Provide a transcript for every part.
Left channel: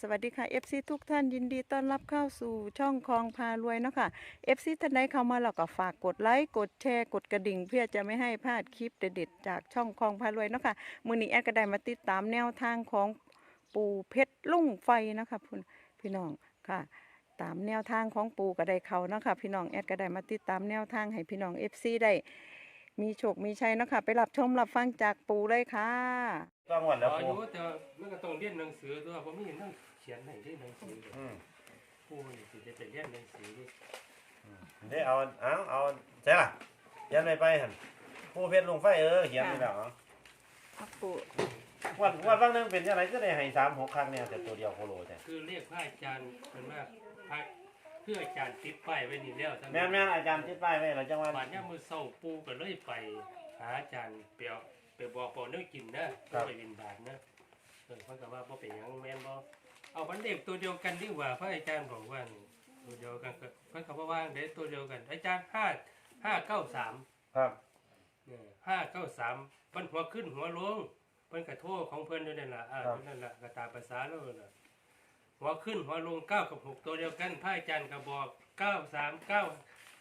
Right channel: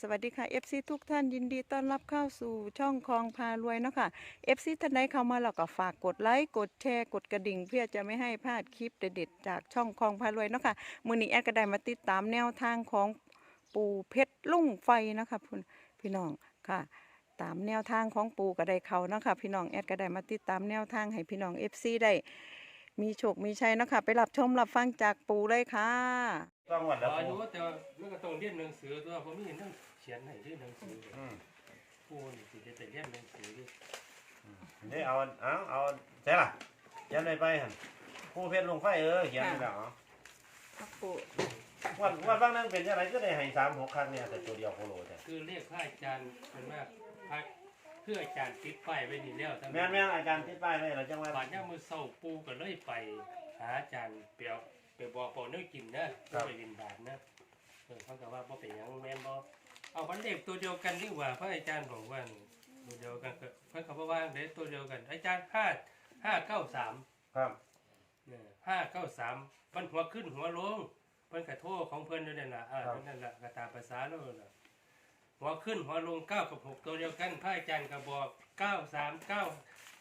สวัสดีค่ะ FC ทุกท่านยินดีต้อนรับเข้าสู่ช่องคลองพารวยเนาะค่ะ FC ท่านใดเข้ามาแล้วก็ฝากกดไลค์กดแชร์กดกระดิ่ง เพื่อจะไม่ให้พลาดคลิปเด็ดๆจากช่องคลองพารวยเนาะค่ะมือนี้แอดก็ได้มาติดตามแนวทางของปู่เพชรลุ่งไฟนะคะพี่พี่น้องค่ะตามแนวทางของปู่ก็ได้เขานะคะพี่น้องแอดก็ได้มาติดตามแนวทางให้พี่น้อง FC ได้ มีโชคมีชัยเนาะค่ะ ไปรับชมรับฟังจากปู่เลยค่ะก็หมดแล้วอาปูยุแต่ว่ามันก็ต้องเรียนหนังสือตัวผมมีหนังเขียนให้ด้วยหนังสืออืมผู้นี่สิได้ไปเรียนหนังสือดินี่เอาเอาเอาใช่ล่ะเขียนไปไปหันผู้เพชรลงไฟเออเขียนไปแล้วครับปู่วันวันบางนึงเป็นยังไงก็ได้ให้สามหกครั้งเนี่ยแต่ตัวเดียวโคโลแต่คือเรียกพระอาจารย์เป็นมากพระ เพื่ออาจารย์ติดป้ายไว้นี่แล้วทั้งแม่นแม่นอาจารย์ติดป้ายไว้แล้วจังหวัด บาดเนี้มือเศร้าปูก็เลยไป หาอาจารย์เปียวไปบอกปอเนื้อกินนะบ่ไปบินบาทนะเออเขาก็ว่าบ่เป็นหยังแม่นบ่เอาวันเด็กตัวเดียวกันดีกว่าพระอาจารย์บอกว่านี่ตัวเดียวกันก็เพิ่นก็บ่ว่าเด้ตัวเดียวกัน อาจารย์ห้าห้าเก้าสาม ครับห้าเก้าสามมันหัวขึ้นหัวลงเพิ่นกระโทษของเพิ่นด้วยนั่นล่ะอ่านั่นล่ะกระตามภาษาแล้วน่ะ หัวขึ้นหัวลงเก้ากับหกตัวเดียวกันพระอาจารย์ก็บอกเก้าสามเก้า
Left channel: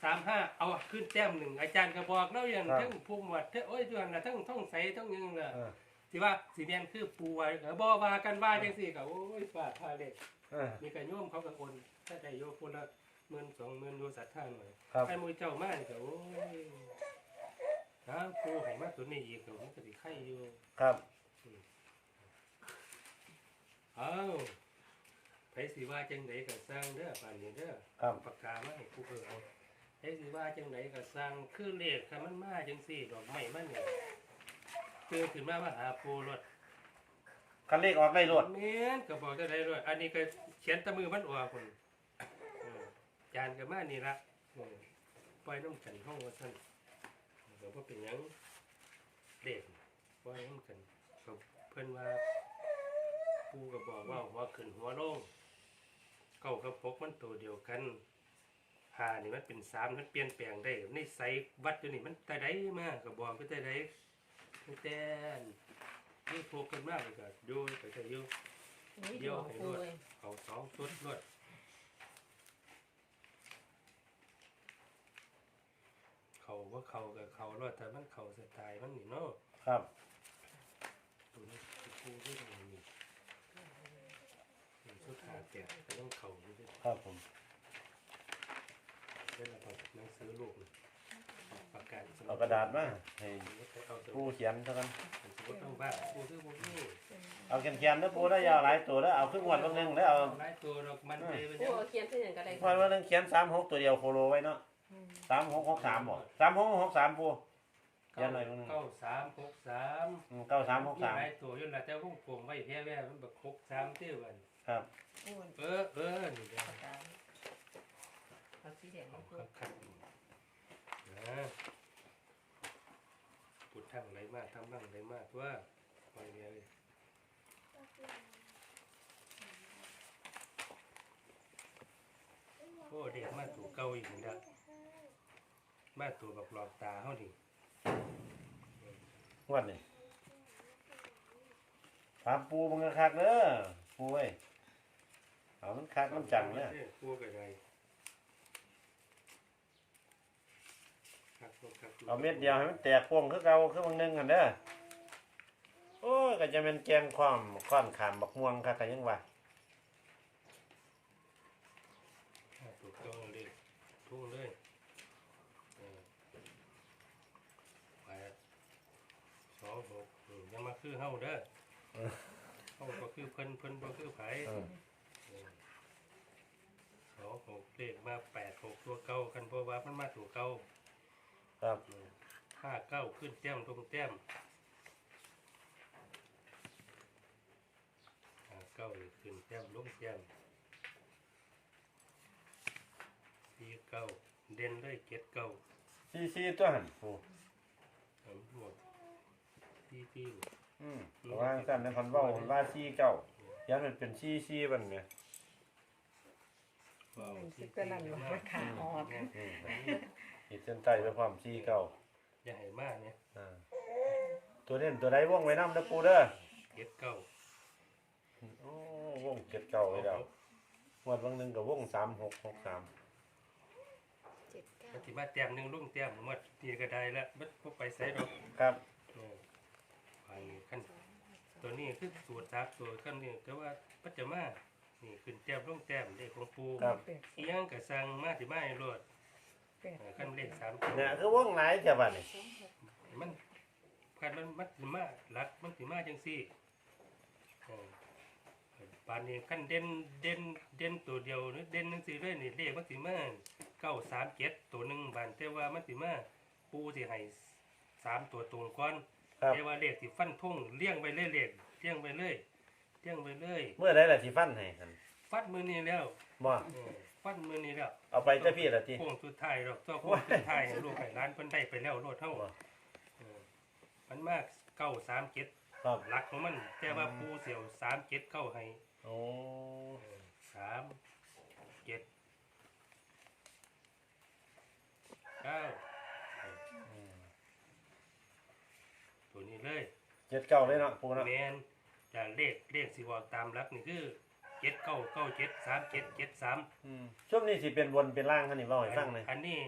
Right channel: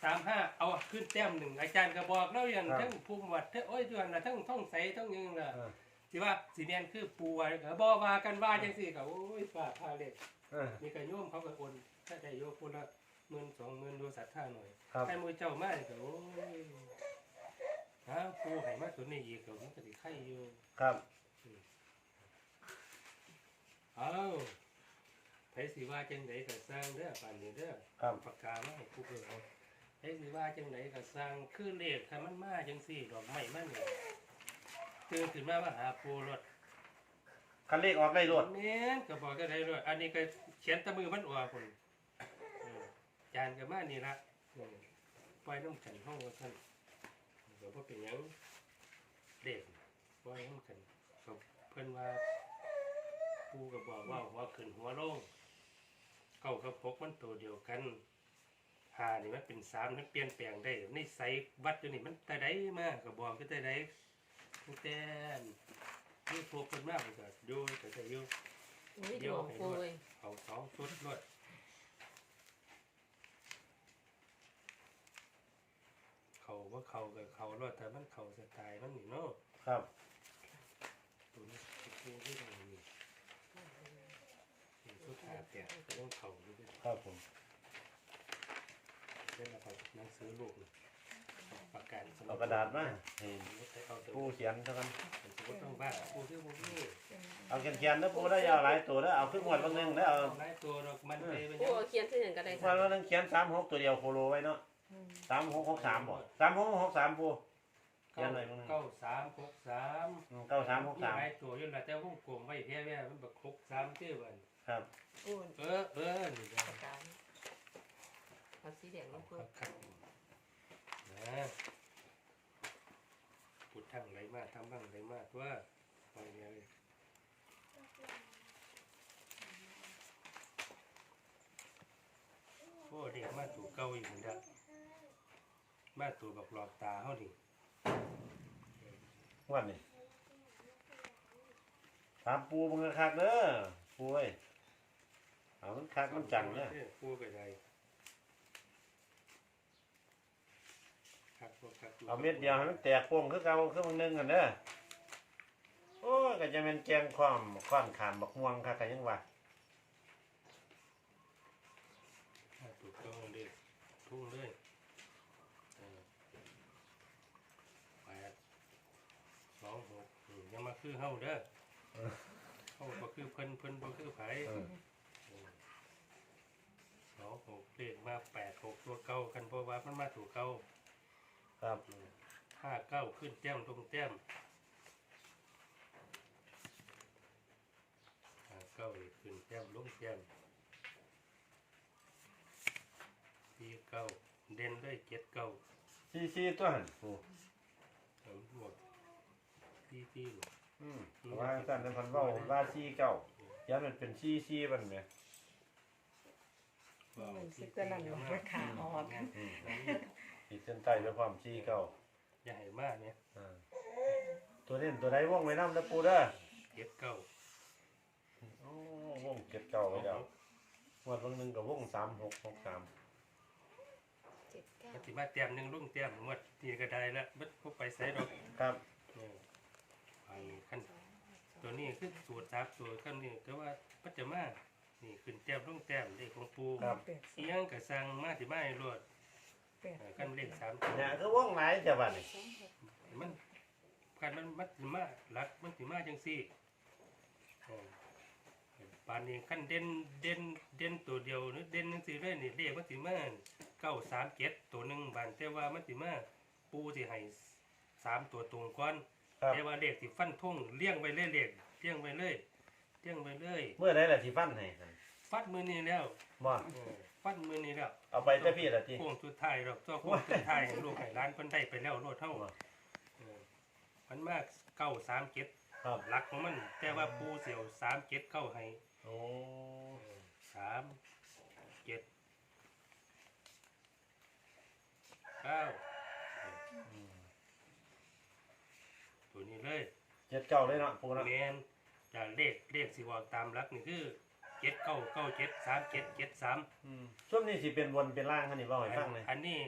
สามห้าเอาขึ้นแต้มหนึ่งอาจารย์ก็บอกแล้วอย่างทั้งภูมิวัดทั้งโอ้ยด้วยน่ะทั้งท่องใสทั้งยังน่ะเออสิว่าสีแดงคือปูไว้ก็บ่ว่ากันว่าจังซี่ก็โอ้ยฟาดพาเล็กเออมีก็โยมเขาก็โอนถ้าได้โยมคนละหมื่นสองหมื่นดูศรัทธาหน่อยครับไอ้มือเจ้ามานี่ก็โอ้ยอ้าวปูให้มาตัวนี้อีกก็มันก็สิไข่อยู่ครับอ้าว ไผสิว่าจังไดก็สร้างเด้อป่านนี้เด้อครับ ปากกามาให้ผู้เออเอาไผสิว่าจังไดก็สร้างคือเลขคันมันมาจังซี่ดอกไม้มันนี่ตื่นขึ้นมามาหาปูรถคันเลขออกได้รวดแม่นก็บอกจะได้รถอันนี้ก็เขียนแตะมือมันออกพุ่นเออจานก็มานี่ละเออปล่อยน้ำกันห้องว่าซั่นเดี๋ยวบ่เป็นหยังเด็กปล่อยน้ำกันก็เพิ่นว่า ปูก็บอกว่าหัวขึ้นหัวลง เก้ากับหกมันตัวเดียวกันหานี่มันเป็นสามมันเปลี่ยนแปลงได้ในไสวัดอยู่นี่มันแต่ใดมาก็บอกก็แต่ใดตั้งแต่ยูทูบเพิ่นมาเพิ่นก็อยู่ก็จะอยู่เดียวให้รวดเอาสองชุดรวดเขาว่าเขากับเขารวดแต่มันเขาสไตล์มันนี่เนาะครับตัวนี้ปูที่ตรงนี้ นี่สุดท้ายเตียแต่ต้องเขาอยู่ด้วยครับผมเล่นเอาหนังสือลูกนี่ปากกาสมุเอากระดาษมาให้สมมติเอาสมุปูดเขียนเท่านั้นสมมติต้องบ้าปูที่ปูนี่เอาเขียนเขียนๆนะปูได้ยาวหลายตัวแล้วเอาขึ้นหมวดบางนึงแล้วเอาหลายตัวดอกมันไปมันโอ้เขียนที่หนึ่งก็ได้วันวันนึงเขียนสามหกตัวเดียวโคโลไว้เนาะสามหกหกสามบ่สามหกหกสามปู เขียเก้านหน่อยมึงเก้าสามหกสามอืมเก้าสามหกมีสามหลายตัวอยู่แล้วแต่วงกลมไว้แท้แว่มันแบบหกสามเที่ยวกันครับอ้วนเออเออนี่เด้อปากกาแล้วสีแดงเอามันคก็รับครับนะพุดทั้งไรมากทำบ้างไรมากว่าปล่อยเดียวเลยโอ้เด็กมาตัวเก่าอีกแล้วมาตัวบักหลอกตาเขาดิง วันนี้ถามปูมึงคักๆเด้อปูเอ้ยเอามันคักมันจังเนี่ยพูดกันไงครับครับเอาเม็ดเดียวให้มันแตกโป่งคือเก่าคือมึงนึงกันเด้อโอ้ยก็จะเป็นแกงความค้อนขามบักม่วงคักก็ยังว่าถูกต้องเลยทุ่งเลยเออแปดสองหกอืมอยังมา คือเฮาเด้อเฮาก็คือเพิ่นเพิ่นบ่คือไผเออสองหกเลขมาแปดหกตัวเก่ากันเพราะว่ามันมาตัวเก่าครับห้าเก้าขึ้นแต้มตรงแต้มห้าเก้านี่ขึ้นแต้มลงแต้มสี่เก้าเด่นเลยเจ็ดเก้าซีซีตัวหันปู ทั้งหมดสี่สี่ อืมว่าสั่นในพันเว่าว่าซีเก่าย้ำมันเป็นซีซีบันเนี่ยว้าวสิตัวนั้นว่ามันขาออกอืมขีดเส้นใต้ด้วยความซีเก่าอย่าให้มากเนี่ยอ่าตัวเล่นตัวใดว่องไว้น้ำนะปูเด้อเจ็ดเก้าโอ้วงวงเจ็ดเก้าไว้แล้วงวดวันหนึ่งกับวงสามหกหกสามเจ็ดเก้ามันสิมาแต้มหนึงลุงแต้มหมดนี่ก็ได้ละมันบ่ไปไสดอกครับเอออันนี้ขั้นตัวนี้คือสูตรทับตัวขั้นนี้ก็ว่าปัจจมานี่ขึ้นแต้มลงแต้มเลขของปูครับ อีหยังก็สั่งมาสิมาให้รวดเออขั้นเลขสามตัวเนี่ยคือวงไหนจะบัดนี่มันคันมันมันสิมาหลักมันสิมาจังซี่เออปานนี้ขั้นเด่นเด่นเด่นตัวเดียวนี่เด่นจังซี่เลยนี่เลขมันสิมาเก้าสามเจ็ดตัวหนึ่งบานแต่ว่ามันสิมาปูสิให้สามตัวตรงก่อน ครับแต่ว่าเลขสิฟันทงเลี้ยงไปเรื่อยเลขเลี้ยงไปเรื่อยเลี้ยงไปเรื่อยเมื่อไรล่ะที่ฟันให้หั่นฟัดมือนี้แล้วบ่เออฟัดมือนี้แล้วเอาไปแต่พี่ละทีโค้งสุดท้ายดอกตัวโค้งสุดท้ายให้ลูกให้ร้านเพิ่นได้ไปแล้วโลดเท่าเออมันมากเก้าสามเจ็ดครับหลักของมัน แต่ว่าปูเสียวสามเจ็ดเข้าให้โอ้สามเจ็ดเก้า ตัวนี้เลยเจ็ดเก้าเลยเนาะปูเนาะแมนจะเลขเลขสิบอกตามหลักนี่คือเจ็ดเก้าเก้าเจ็ดสามเจ็ดเจ็ดสามอืมช่วงนี้สิเป็นวนเป็นล่างคันนี่เล่าให้ฟังเลยอันนี้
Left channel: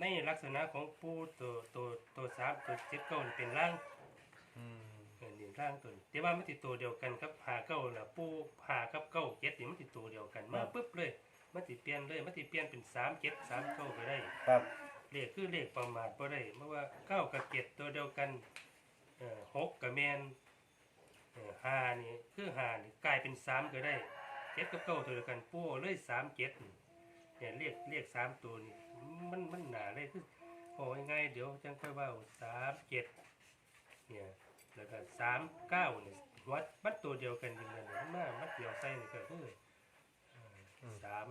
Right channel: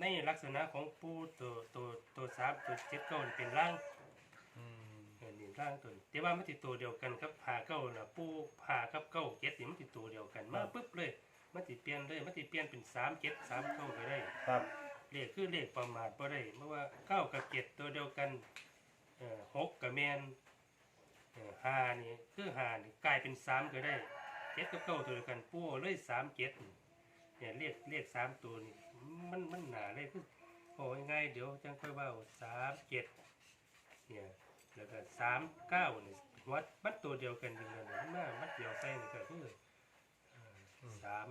ในลักษณะของปูตัวตัวตัวสามตัวเจ็ดเก้านี่เป็นร่างอืมเออนี่ร่างตัวนี้แต่ว่ามันติดตัวเดียวกันครับหาเก้าน่ะปูหากับเก้าเจ็ดนี่มันติดตัวเดียวกันมาปุ๊บเลยมันติเปลี่ยนเลยมันติเปลี่ยนเป็นสามเจ็ดสามเก้าก็ได้ ครับ เลขคือเลขประมาทบ่ได้เพราะว่าเก้ากับเจ็ดตัวเดียวกันเอ่อหกกับแมนเอ่อห้านี่คือห้านี่กลายเป็นสามก็ได้เจ็ดกับเก้าตัวเดียวกันปูเอาเลยสามเจ็ดนี่เนี่ยเลขเลขสามตัวนี่มันมันหนาเลยคือโอ้ยไงายๆเดี๋ยวจังค่อยเว่าสามเจ็ดเนี่ยแล้วก็สามเก้านี่วัดมันตัวเดียวกันจริงๆเนี่ยมันมามันเดียวใส่นี่ก็คือเอ่อสาม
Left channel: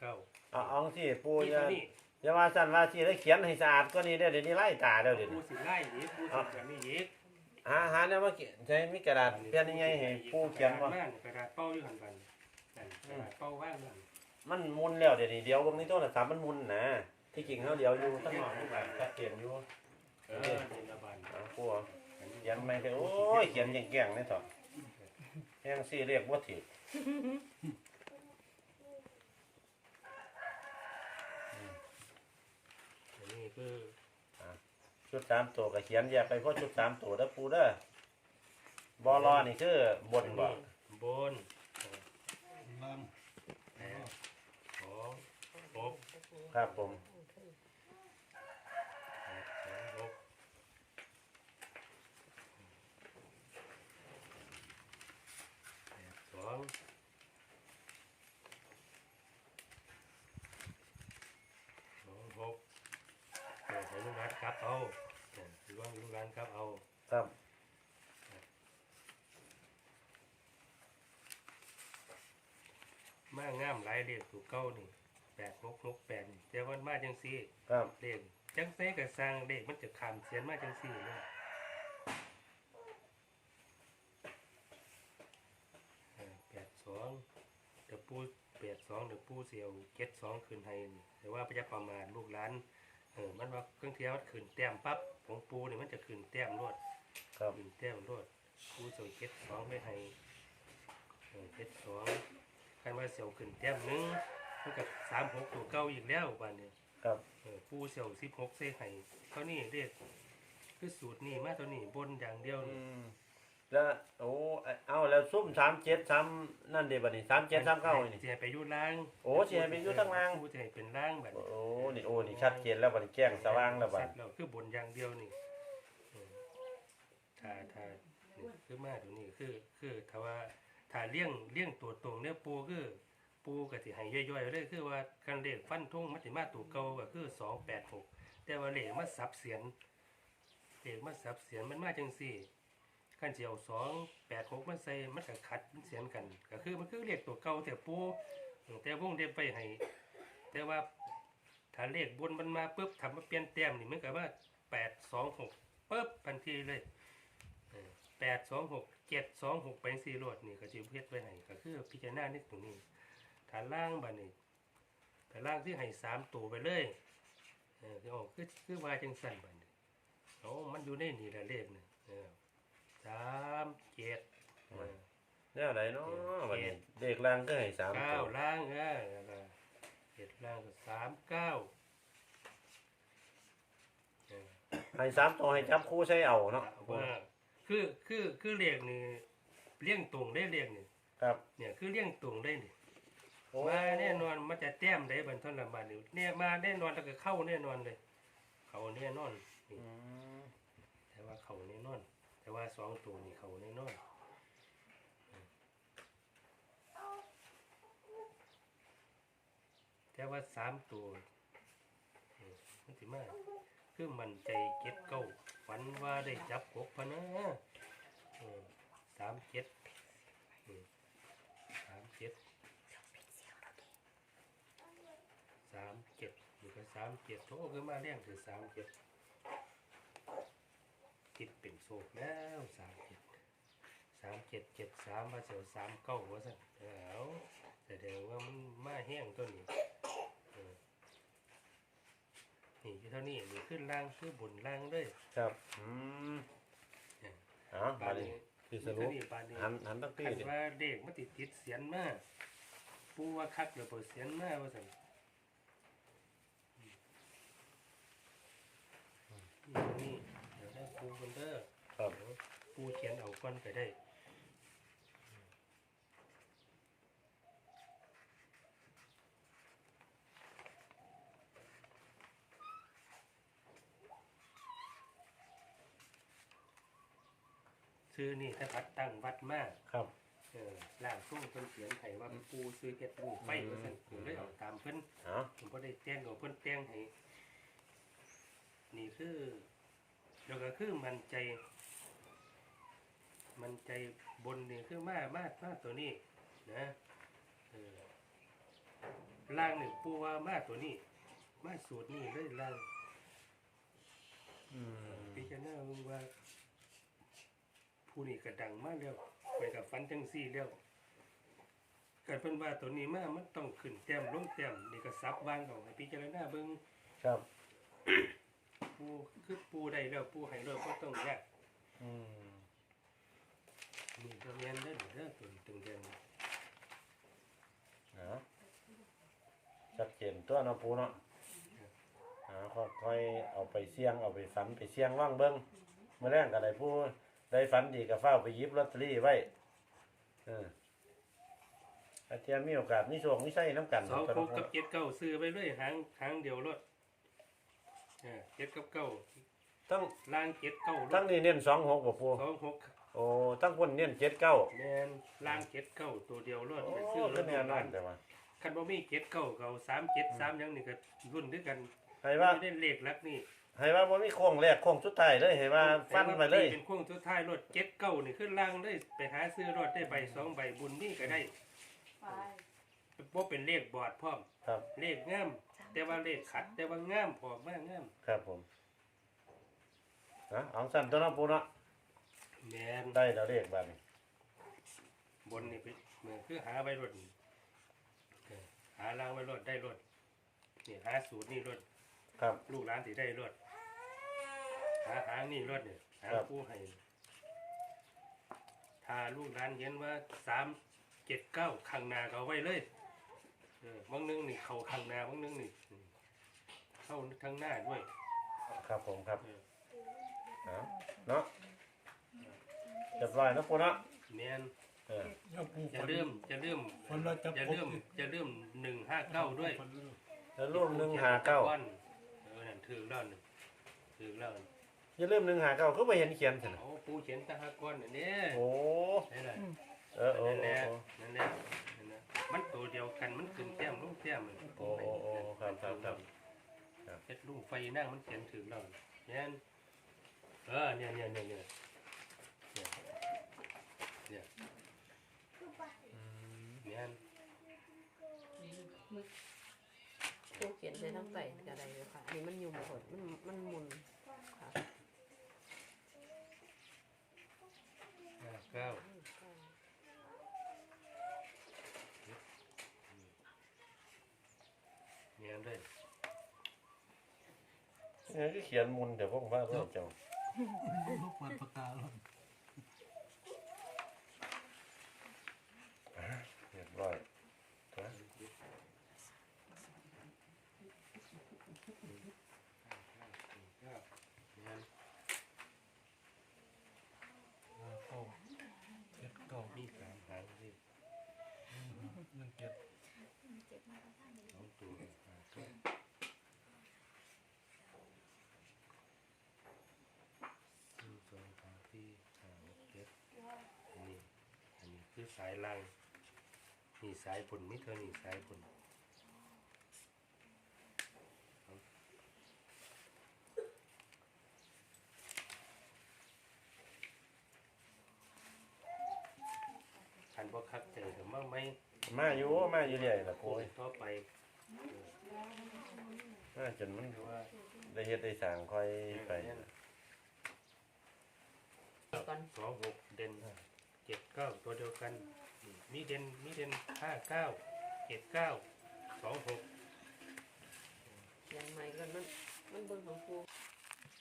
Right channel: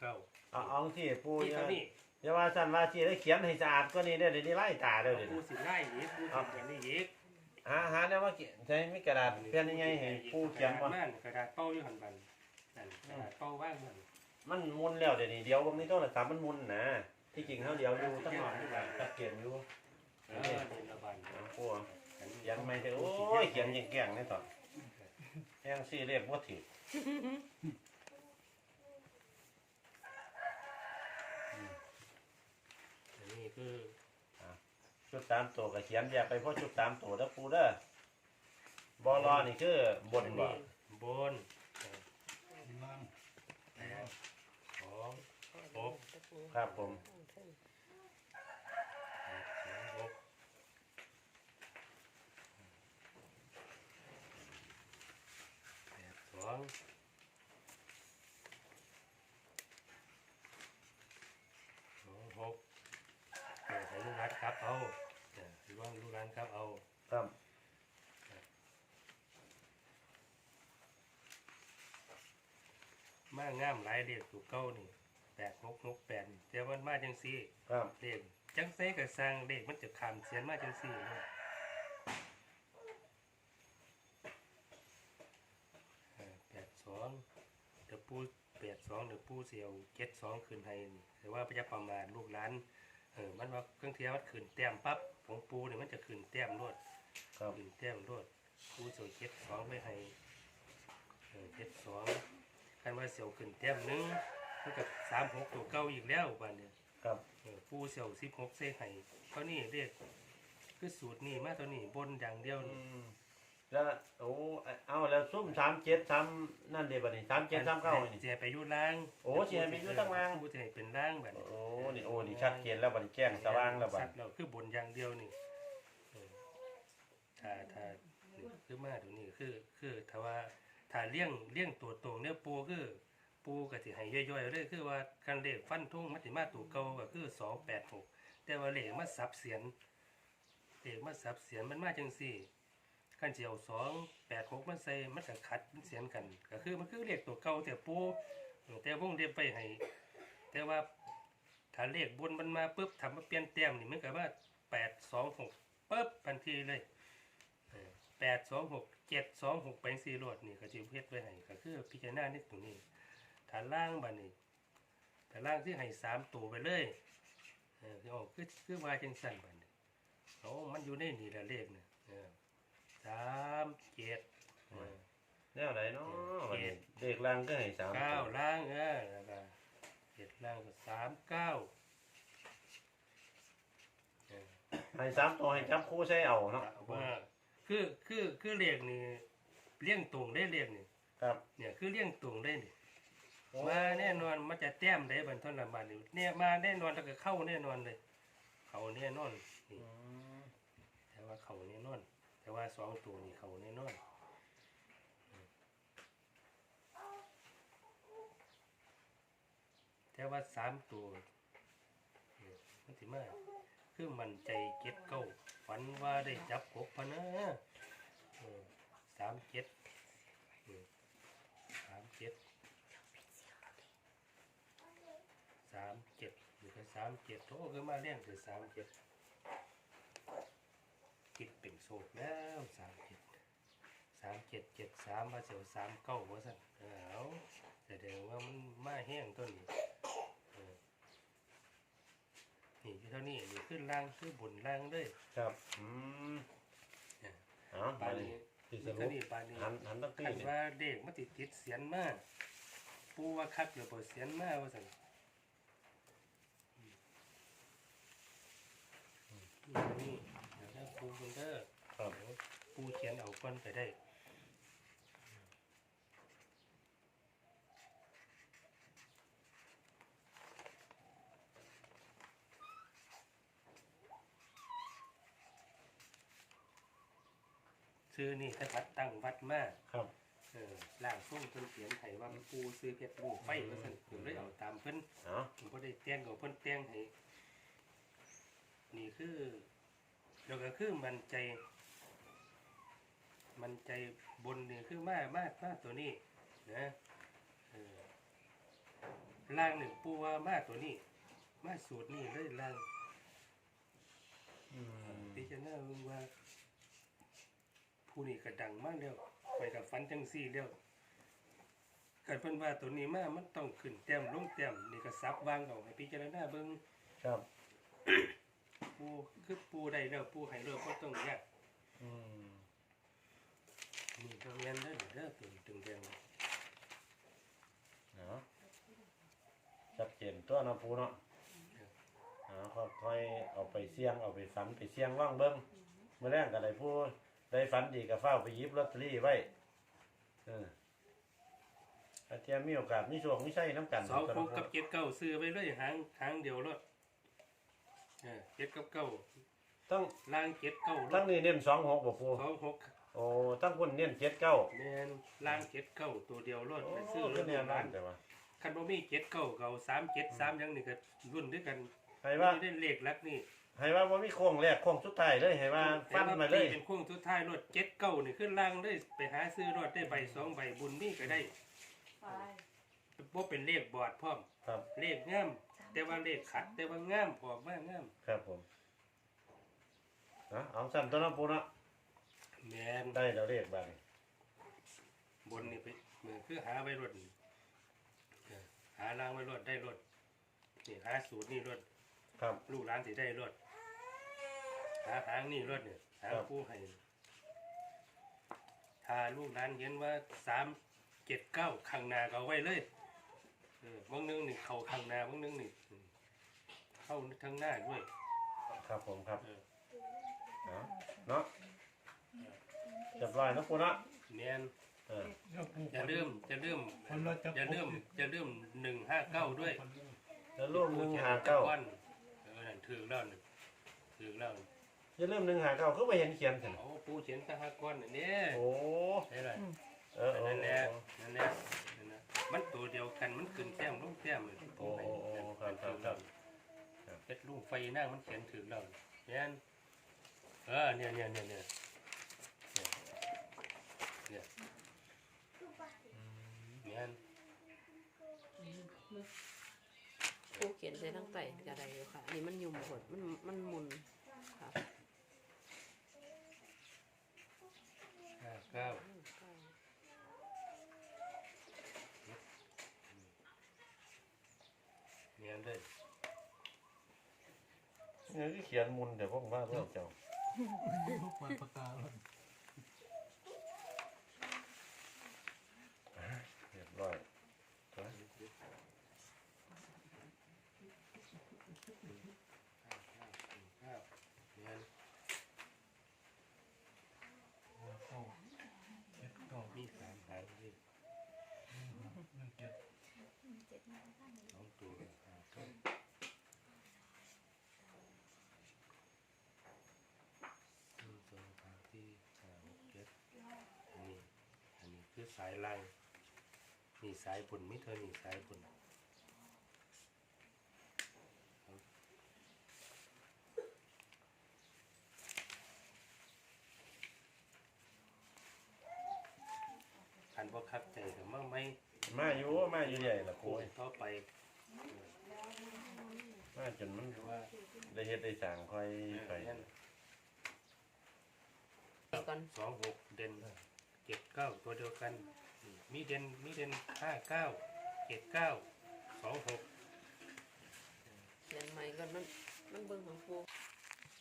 เก้า เอาเอาสิปูที่อย่าเท่านี้ อย่าว่าสั่นว่าสิได้เขียนให้สะอาดก็นี่ได้อเดี๋ยวนี้ไล่ตาเดี๋ยวเดี๋ยวปูนี้สิไล่ยีปูสิแบบนี้ยีกหาหาเนี่ยว่าเขียนใช้มีกระดาษเพี้ยนยังไงให้ปูเขียนกระว่าดาษม่านกระดาษเป้าอยู่หันบันนั่นกระดาษเป้าว่างนั่นมันหมุนแล้วเดี๋ยวนี้เดี๋ยวตรงนี้โทรศัพท์มันหมุนนะที่จริงเขาเดี๋ยวอยู่ตั้งหลังที่บ้านตัดเขียนอยู่เออนี่ละบันเอาปูเขียนไม่ได้โอ้ยเขียนแก่งๆนี่ต่อแห้งซี่เรียกว่าถิ อันนี้คือชุดสามตัวก็เขียนแยกไปเพราะชุดสามตัวแล้วปูเด้อบอลอนี่คือบนอันบ่นี้บนแปดสองหกครับผมแปดสองหกแปดสองสองหกเออให้ลู กหลานครับเอาเออหรือว่าลูกหลานครับเอาครับมางามหลายเด็กถูกเก้านี่แปดหกหกแปดนี่แต่มันมาจังสี่ครับเลขจังไสกับสร้างเลขมันจะขามเสียนมาจังสี่เลยแปดสองเดี๋ยวปูแปดสองเดี๋ยวปูเสียวเจ็ดสองคืนให้นี่แต่ว่าพระยาประมาณลูกหลาน เออมันว่าเครื่องเทียมมันขืนแต้มปั๊บของปูเนี่ยมันจะขืนแต้มรวดครับขืนแต้มรวดปูเสียวเจ็ดสองไปให้เออเจ็ดสองคันว่าเสียวขืนแต้มหนึงมันกับสามหกตัวเก้าอีกแล้ววันเนี่ยครับเออปูเสี่ยวสิบหกเซไห้เท่านี้เรียกคือสูตรนี่มาเท่านี้บนอย่างเดียวอืนี่มแล้วโอ้เอาแล้วซุ่มสามเจ็ดสามนั่นเดี๋ยวบัดนี้สามเจ็ดสามเก้านี่เสียไปอยุล่างโอ้เสียไปอยู่ตั้งล่าง ปูจะให้เป็นล่างแบบโอ้ นี่โอ้นี่ชัดเจนแล้วบัดนี้แจ้งสว่างแล้วบัดสัตว์เราคือบนอย่างเดียวนี่เออถ้าถ้านี่คือมาตัวนี้คือ คือถ้าว่าถ้าเลี้ยงเลี้ยงตัวตรงเนี่ยปูคือ ปูก็สิให้ย่อยๆเลยคือว่าคันเลขฟันทุ่งมัติมาตัวเก่าก็คือสองแปดหกแต่ว่าเลขมาสับเสียนเลขมาสับเสียนมันมาจังสี่คันเจียวสองแปดหกมันใส่มันก็ขัดเสียนกัน ก็คือมันคือเลขตัวเก่าแต่ปูแต่วงเล็บไปให้แต่ว่า ถ้าเลขบนมันมาปุ๊บทำมาเปลี่ยนแต้มนี่มันก็ว่าแปดสองหกปุ๊บทันทีเลยแปดสองหกเจ็ดสองหกไปสี่รวดนี่ก็จะเฮ็ดไว้ให้ก็คือพิจารณาในตรงนี้ฐานล่างบัดนี้ฐานล่างที่ให้สามตัวไปเลยเออคือออกคือคือว่าจังสั่นบัดนี้โอ้มันอยู่ในนี่ละเลขเนี่ยเออสามเจ็ดเออแนวไหนเนาะวันนี้เด็กล่างก็ให้สามเก้าตัวล่างเออนั่นล่ะ เจ็ดล่างก็สามเก้าเออให้สามตัวให้จับคู่ใช้เอาเนาะว่าคือคือคือเรียกนี่เลี้ยงตรงได้เรียกนี่ครับเนี่ยคือเลี้ยงตรงได้นี่โอ้มาแน่นอนมันจะแต้มได้บันทนละบาทนี่เนี่ยมาแน่นอนแล้วก็เข้าแน่นอนเลย เขาแน่นอนนี่อืมแต่ว่าเขาแน่นอน แต่ว่าสองตัวนี่เขาแน่นอน แต่ว่าสามตัวอืมมันสิมาคือมันใจเจ็ดเก้าฝันว่าได้จับกบพะนะอืมสามเจ็ดอืมสามเจ็ดสามเจ็ดนี่ก็สามเจ็ดโอ้คือมาเลี้ยงคือสามเจ็ดจิตเป็นโศกแล้วสามเจ็ดสามเจ็ดเจ็ดสามมาเสียวสามเก้าว่าสั่นเอาแสดงว่ามันมาแห้งตัวนี้ นี่อยู่เท่านี้นี่ขึ้นล่างขึ้นบนล่างเลยครับ อืมเนี่ยเอ๋อปาบานนี้นี้ที่สนี่รุเท่าปนี้ปานนี้หันหันตั้งปีคันนี่ว่าเด็กมาติดติดเสียนมากปูว่าคักเดี๋ยวเปิดเสียนมากว่าสั่นนี่นี่เดี๋ยวได้ปูคนเด้อครับปูเขียนเอาก้อนไปได้ ซื้อนี่ถ้าวัดตั้งวัดมากครับ เออล่างส่งเพิ่นเขียนให้ว่าปูซื้อเพชรบูไฟว่าซั่นผมเลยเอาตามเพิ่นเอ๋อผมบ่ได้แต่งเอาเพิ่นแต่งให้นี่คือเดี๋ยวก็คือมันใจ มันใจบนนี่คือมามามาตัวนี้นะเออล่างนี่ปูว่ามาตัวนี้ มาสูตรนี่เลยล่างอืมพิจารณาเบิ่งว่า ผู้นี้ก็ดังมากแล้วไปกับฟันจังซี่แล้วกันเพิ่นว่าตัวนี้มามันต้องขึ้นแต้มลงแต้มนี่ก็ซับวางเอาให้พิจารณาเบิ่งครับ ปูคือปูได้แล้วปูให้แล้วบ่ต้องยากอืมนี่ก็เรียนเด้อเด้อตัวตึงแดงเนาะชัดเจนตัวเนาะปูเนาะเอ๋อค่อยๆเอาไปเสี่ยงเอาไปฝันไปเสี่ยงว่างเบิ้งเมื่อแรกก็ได้ผู้ ได้ฝันดีก็เฝ้าวไปหยิบลอตเตอรี่ไว้เอออาเทียมมีโอกาสมีโชคมีไส้น้ำกันสองครับหกกับเจ็ดเก้าซื้อไปเลยหางหางเดียวรถเออเจ็ดกับเก้าตั้งล่างเจ็ดเก้ารตั้ถงนี่เน้นสองหกบ่ปูสองหกโอ้ตั้งคนเน้นเจ็ดเก้าแมนล่างเจ็ดเก้าตัวเดียวรถโอ้ไปซื้อรก็ถเนี่ยร้านั่นนแต่ว่าคันบ่มีเจ็ดเก้าเก้าสามเจ็ดสามหยังนี่ก็รุ่นด้วยกันให้ว่าไม่ได้เลขลักนี่ ให้ว่าบ่มีโค้งแรกโค้งสุดท้ายเลยให้ว่าฟันมาเลยเป็นโค้งทุดท้ายรถเจ็ดเก้านี่ขึ้นล่างได้ไปหาซื้อรถได้ใบสองใบบุญนี่ก็ได้บ่เป็นเลขบอดพร้อม ครับ เลขงามแต่ว่าเลขขัด แต่ว่างามออกมางามครับผมนะเอาสั้นตัวเน้องปูเนาะแมนได้แล้วเลขบาดนี้บนนี่ไปเหมือนคือหาใบรถนี่เออหาล่างไว้รถได้รถนี่หาสูตรนี่รถครับ ลูกหลานสิได้รถ หาหางนี่รถเนี่ยหางครับผู้ให้ถ้าลูกหลานเห็นว่าสามเจ็ดเก้าข้างหน้าก็เอาไว้เลยเออบางนึงนี่เข่าข้างหน้าบางนึงนี่อืมเข้าทางหน้าด้วย ครับผมครับเออ เอาเนาะจับไว้เนาะปูเนาะแมนเออจะเริ่มจะเริ่มคนเราจะ จะเริ่มจะเริ่มหนึ่งห้าเก้าด้วยแล้วร่วมหนึ่งหาเก้า วันวันนั้นถือแล้วหนึ่งถือแล้วหนึ่ง อย่าลืมหนึ่งหาเก้าคือไม่เห็นเขียนสิเอาปูเขียนตะหาก้อนอันนี้โอ้ใช่เลยเออโอ้นั่นแหโอ้ละนั่นแหละนั่นแหละมันตัวเดียวกันมันขึ้นแต้มลงแต้มเลยโอ้โอ้โอ้ครับครับครับครับเป็นลูกไฟนั่งมันเขียนถือแล้วเนี่ยเออเนี่ยเนี่ยเนี่ยเนี่ยเนี่ยเนี่ยเนี่ย ผู้เขียนใช้ทั้งไต่กระไดเลยค่ะอันนี้มันยุ่มหดมันมันหมุน ยนด้วยเนี่ยก็เขียนมุนเดี๋ยวพวผมว่าเรื่อเจ้าลูกมันปากกาแล้วเรียบร้อยเก้าเจ็ดเก้ามีสามหางดิมันเจ็ดเจ็ด สายล่างนี่สายบนมิเท่านี้สายบนอันบ่คัดใจกับมั่งไหมมาอยู่มาอยู่ใหญ่ละโคโอ้ยยต่อไปมาจนมันเพราะว่าได้เฮ็ดได้สร้างค่อยไปนั่นกันสองหกเด่น เจ็ดเก้าตัวเดียวกันนี่มีเด่นมีเด่นห้าเก้าเจ็ดเก้าสองหกเขียนใหม่กันมันมันเบิ่งของปู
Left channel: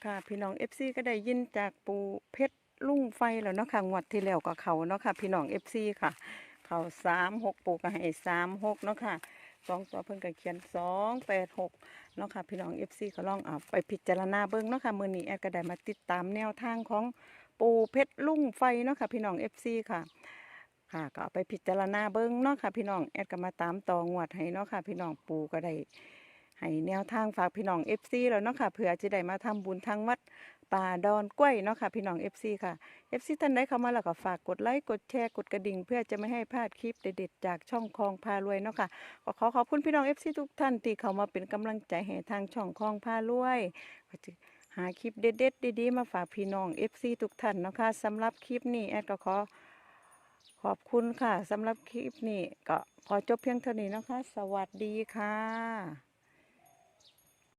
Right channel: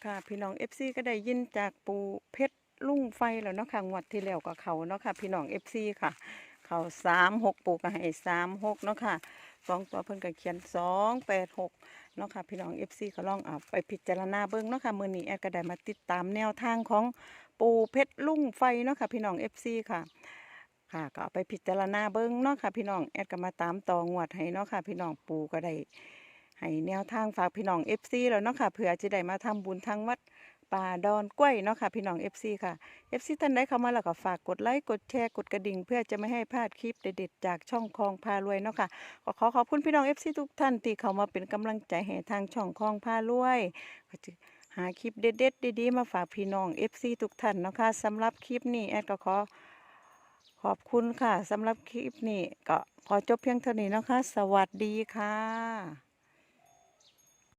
ค่ะพี่น้อง FC ก็ได้ยินจากปูเพชรลุ่งไฟแล้วเนาะค่ะงวดที่แล้วก็เขาเนาะค่ะ พี่น้อง FC ค่ะ เขาสามหกปูก็ให้สามหกเนาะค่ะสองตัวเพิ่นก็เขียนสองแปดหกเนาะค่ะ พี่น้อง FC ก็ลองเอาไปพิจารณาเบิ่งเนาะค่ะมื้อนี้แอดก็ได้มาติดตามแนวทางของ ปูเพชรลุ่งไฟเนาะค่ะพี่น้อง FC ค่ะค่ะก็ไปพิจารณาเบิ่งเนาะค่ะพี่น้องแอดก็มาตามต่องวดให้เนาะค่ะพี่น้องปูก็ได้ให้แนวทางฝากพี่น้อง FC แล้วเนาะค่ะเผื่อจะได้มาทำบุญทางวัดป่าดอนกล้วยเนาะค่ะพี่น้อง FC ค่ะ FC ท่านใดเข้ามาแล้วก็ฝากกดไลค์กดแชร์กดกระดิ่ง เพื่อจะไม่ให้พลาดคลิปเด็ดๆจากช่องคลองพารวยเนาะค่ะก็ขอขอบคุณพี่น้อง FC ทุกท่านที่เข้ามาเป็นกำลังใจให้ทางช่องคลองพารวยก็จะ หาคลิปเด็ดๆดีๆ มาฝากพี่น้อง FC ทุกท่านนะคะสำหรับคลิปนี้แอดก็ขอขอบคุณค่ะสำหรับคลิปนี้ก็ขอจบเพียงเท่านี้นะคะ สวัสดีค่ะ